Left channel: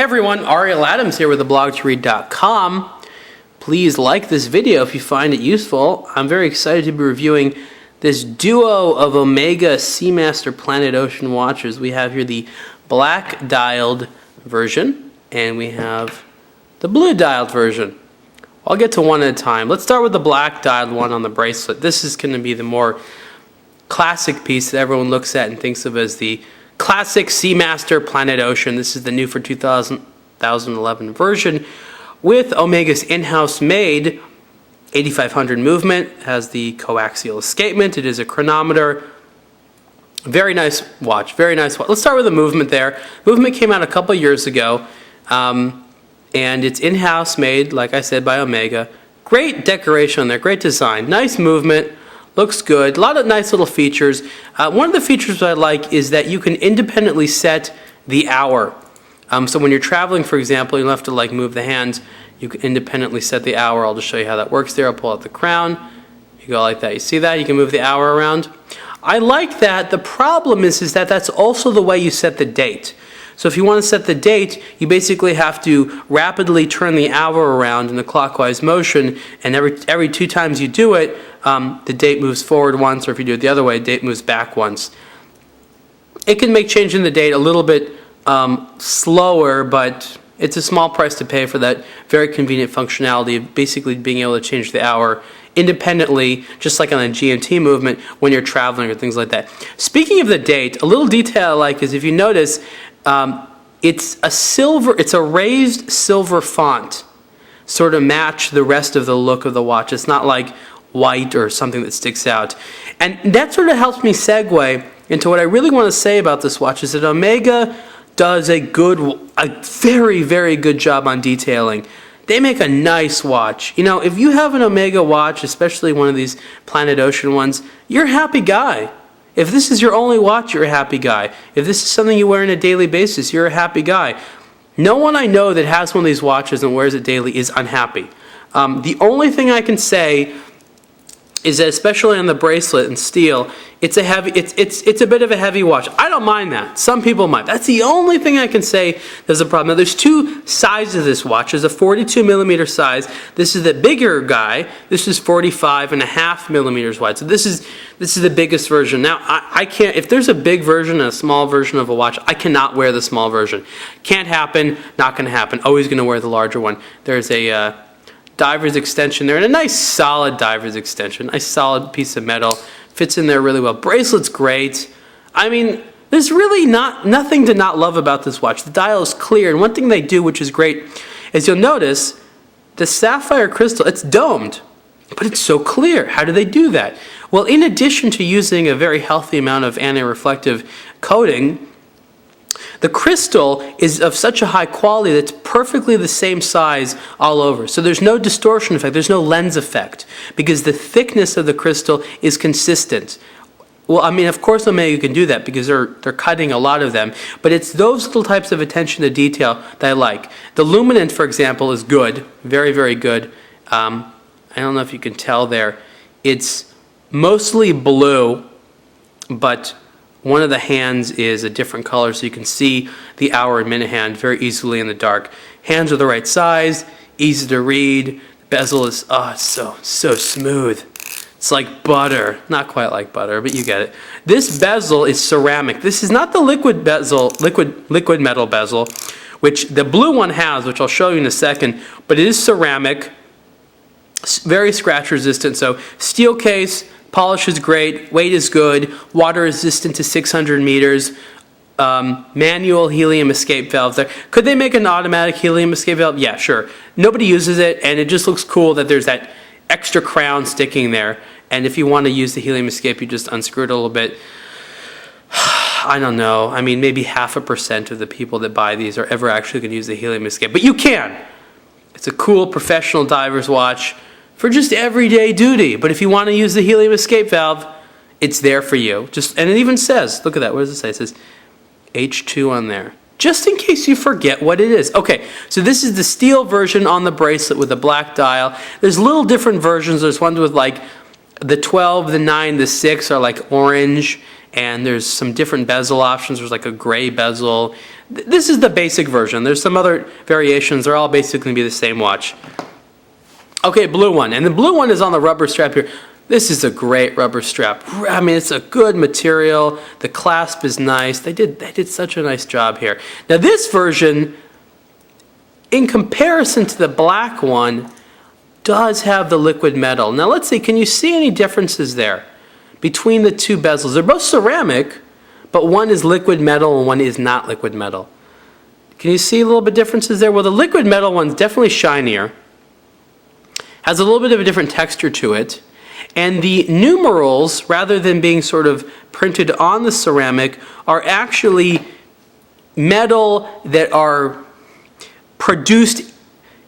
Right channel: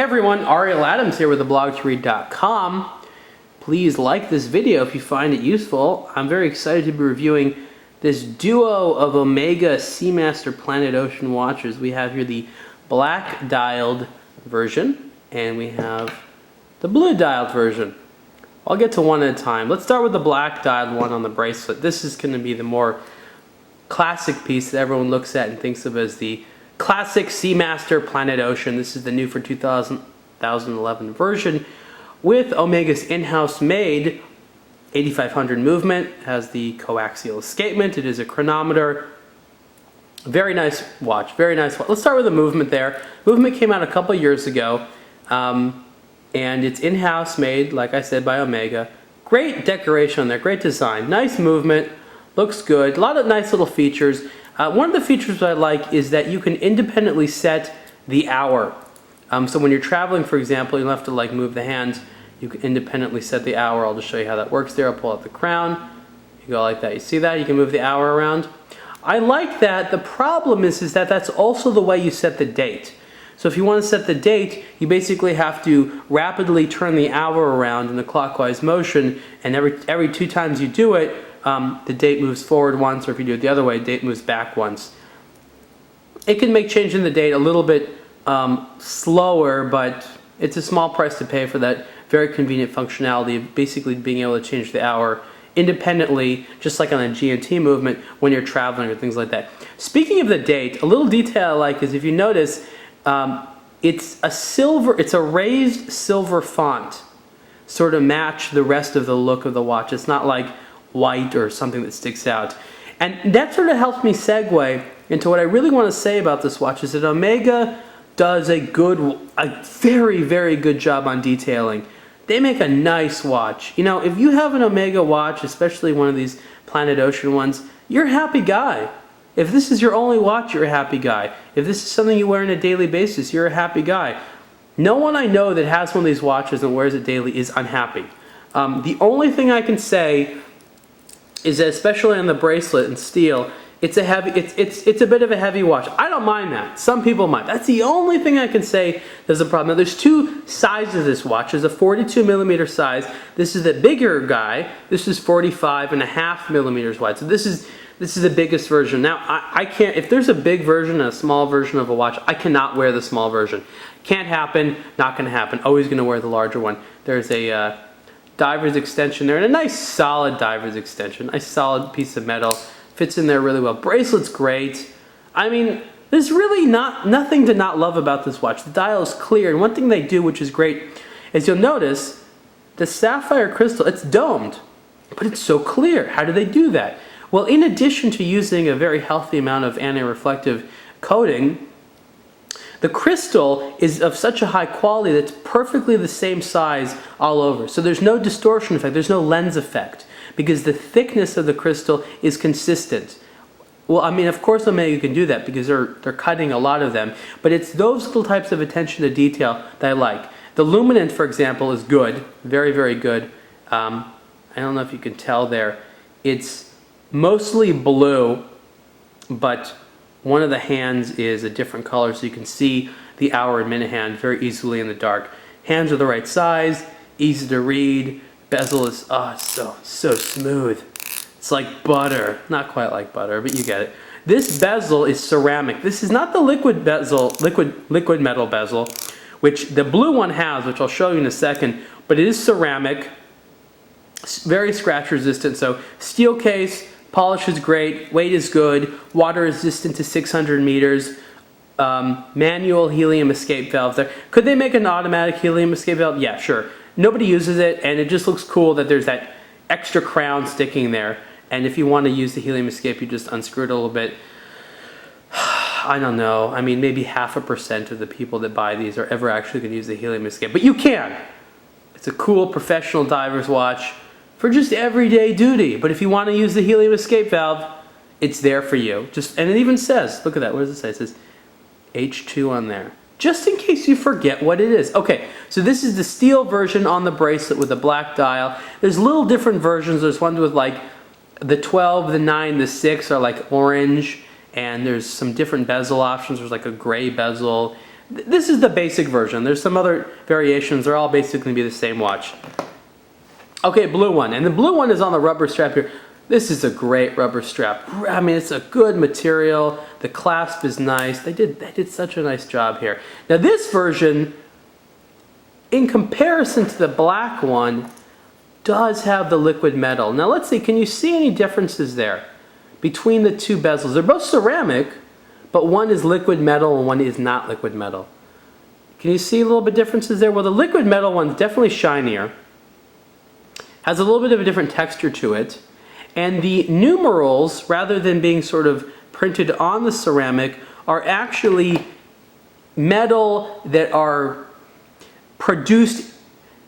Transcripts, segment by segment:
Hey everyone, Ariel Adams here with theblogtoread.com. Please like this video if you find it useful. I'm very excited to be reviewing this duo of Omega Seamaster Planet Ocean watches. We have here the black dialed version and we have the blue dialed version. I'll get to one at a time. Let's start with the black dialed one on the bracelet. This is going to be the more classic piece that everyone looks at and thinks of as the classic Seamaster Planet Ocean. This is the new for 2011 version with Omega's in-house made 8500 movement. It has the co-axial escapement. It is a chronometer. Very nice watch. Very nice watch. Let's start with the movement there. Movement came out a couple years ago, and it's in-house made, like I said, by Omega. Great decoration on there. Great design. Nice movement. Looks good. A lot of nice little features. One of the features that I like is that you can independently set the hour. So when you're traveling, for example, you don't have to like move the hands. You can independently set the hour. I'll just show you how that works there. I'll pull out the crown. You go like that. You see that? You can move the hour around. I like that. The problem is that that's also the way you set the date. So if you want to set the date, you basically have to rapidly turn the hour around in a clockwise motion, and every 2 times you do it, the date moves forward once, or if you do it the other way, the date moves back once. It can make changing the date a little bit slower, but it's a small price to pay for that very convenient functionality of basically being able to change the hour independently, just like on a GMT movement when you're traveling or things like that. Speaking of the date, a little detail I like is if you notice, it's a raised silver font, sort of match the rest of the look of the watch. It's not like white or something that sticks out. And that sort of helps me segue into what I really want to say about this watch is that Omega does a very, very good job on detailing. They make a nice watch. You know, if you have an Omega watch, especially one of these Planet Ocean ones, you're a happy guy. If this is your only watch, you're a happy guy. If this is something you wear on a daily basis, you're a happy guy. No one I know that has one of these watches and wears it daily is unhappy. The only thing I can say is that, especially on the bracelet and steel, it's a bit of a heavy watch. I don't mind that. Some people might. That's the only thing I can say there's a problem. Now, there's 2 sizes of this watch. There's a 42 millimeter size. This is the bigger guy. This is 45.5 millimeters wide. So this is the biggest version. Now, I can't, if there's a big version and a small version of a watch, I cannot wear the small version. Can't happen, not going to happen. Always going to wear the larger one. There's a diver's extension there, and a nice solid diver's extension. Nice solid piece of metal. Fits in there really well. Bracelet's great. I mean, there's really nothing to not love about this watch. The dial is clear, and one thing they do, which is great, is you'll notice the Sapphire Crystal, it's domed, but it's so clear. How do they do that? Well, in addition to using a very healthy amount of anti-reflective coating, the crystal is of such a high quality that it's perfectly the same size all over. So there's no distortion effect, there's no lens effect, because the thickness of the crystal is consistent. Well, I mean, of course Omega can do that because they're cutting a lot of them, but it's those little types of attention to detail that I like. The luminant, for example, is good, very, very good. I don't know if you can tell there. It's mostly blue, but one of the hands is a different color, so you can see the hour and minute hand very easily in the dark. Hands are the right size, easy to read. Bezel is so smooth. It's like butter. Not quite like butter, but you get it. This bezel is ceramic. This is not the liquid bezel, liquid metal bezel, which the blue one has, which I'll show you in a second, but it is ceramic, very scratch resistant. So steel case, polish is great, weight is good, water resistant to 600 meters, manual helium escape valve there. Could they make an automatic helium escape valve? Yeah, sure. Nobody uses it, and it just looks cool that there's that extra crown sticking there. And if you want to use the helium escape, you just unscrew it a little bit. I don't know. I mean, maybe 0.5% of the people that buy these are ever actually going to use the helium escape. But you can. It's a cool professional diver's watch for just everyday duty. But if you want to use the helium escape valve, it's there for you. And it even says, look at that, what does it say? It says H2 on there, just in case you forget what it is. Okay, so this is the steel version on the bracelet with the black dial. There's little different versions. There's ones with like the 12, the 9, the 6 are like orange, and there's some different bezel options. There's like a gray bezel. This is the basic version. There's some other variations. They're all basically going to be the same watch. Okay, blue one. And the blue one is on the rubber strap here. This is a great rubber strap. I mean, it's a good material. The clasp is nice. They did such a nice job here. Now this version, in comparison to the black one, does have the liquid metal. Now let's see, can you see any differences there between the two bezels? They're both ceramic, but one is liquid metal and one is not liquid metal. Can you see a little bit differences there? Well, the liquid metal one's definitely shinier, has a little bit of a different texture to it, and the numerals, rather than being sort of printed on the ceramic, are actually metal that are produced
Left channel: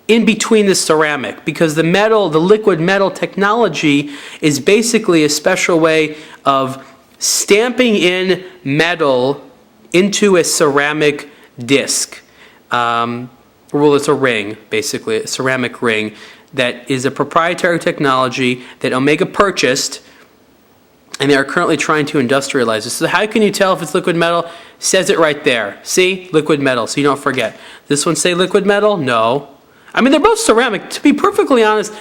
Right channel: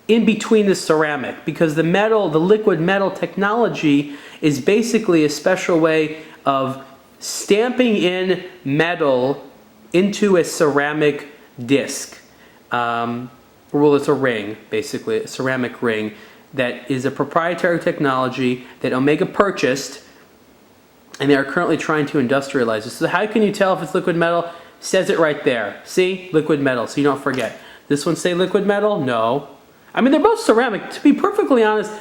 in between the ceramic, because the metal, the liquid metal technology is basically a special way of stamping in metal into a ceramic disc. Well, it's a ring, basically, a ceramic ring that is a proprietary technology that Omega purchased, and they are currently trying to industrialize it. So how can you tell if it's liquid metal? Says it right there. See? Liquid metal, so you don't forget. This one say liquid metal? No. I mean, they're both ceramic. To be perfectly honest,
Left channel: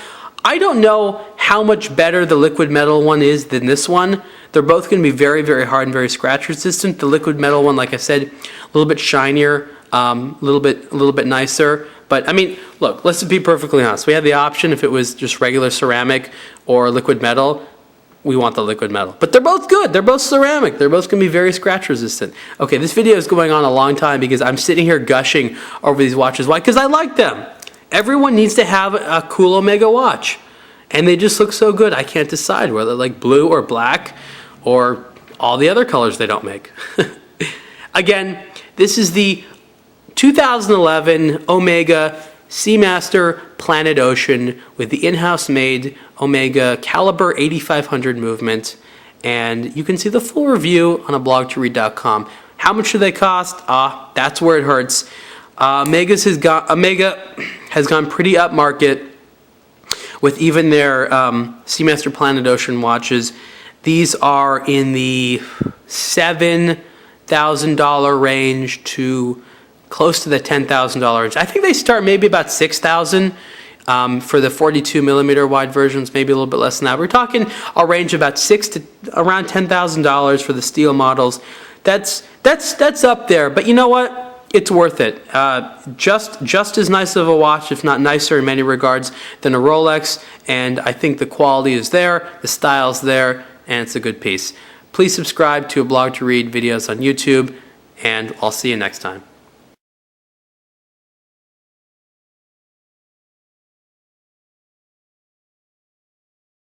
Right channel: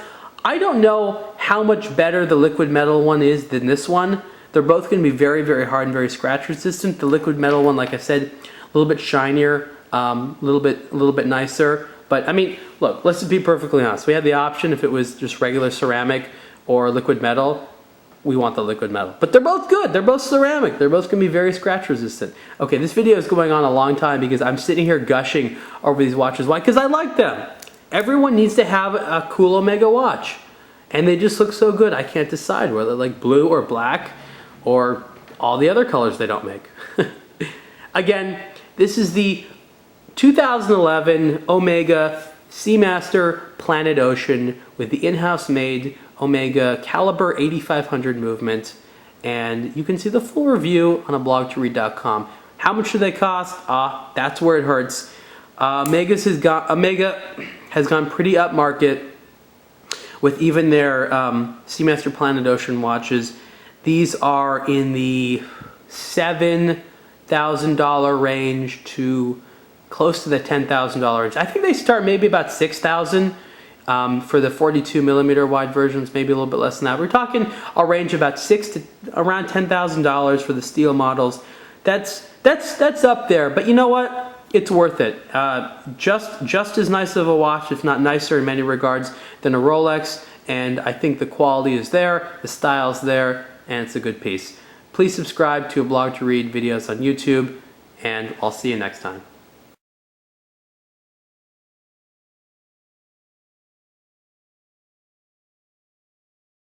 I don't know how much better the liquid metal one is than this one. They're both going to be very, very hard and very scratch resistant. The liquid metal one, like I said, a little bit shinier, a little bit nicer. But I mean, look, let's be perfectly honest. We had the option if it was just regular ceramic or liquid metal. We want the liquid metal. But they're both good. They're both ceramic. They're both going to be very scratch resistant. Okay, this video is going on a long time because I'm sitting here gushing over these watches. Why? Because I like them. Everyone needs to have a cool Omega watch. And they just look so good. I can't decide whether like blue or black or all the other colors they don't make. Again, this is the 2011 Omega Seamaster Planet Ocean with the in-house made Omega Caliber 8500 movement. And you can see the full review on ablogtoread.com. How much do they cost? That's where it hurts. Omega has gone pretty upmarket with even their Seamaster Planet Ocean watches. These are in the $7,000 range to close to the $10,000 range. I think they start maybe about $6,000 for the 42 millimeter wide versions, maybe a little bit less than that. We're talking a range of about around $10,000 for the steel models. That's up there, but you know what? It's worth it. Just as nice of a watch, if not nicer in many regards, than a Rolex, and I think the quality is there, the style's there, and it's a good piece. Please subscribe to A Blog to Read videos on YouTube, and I'll see you next time.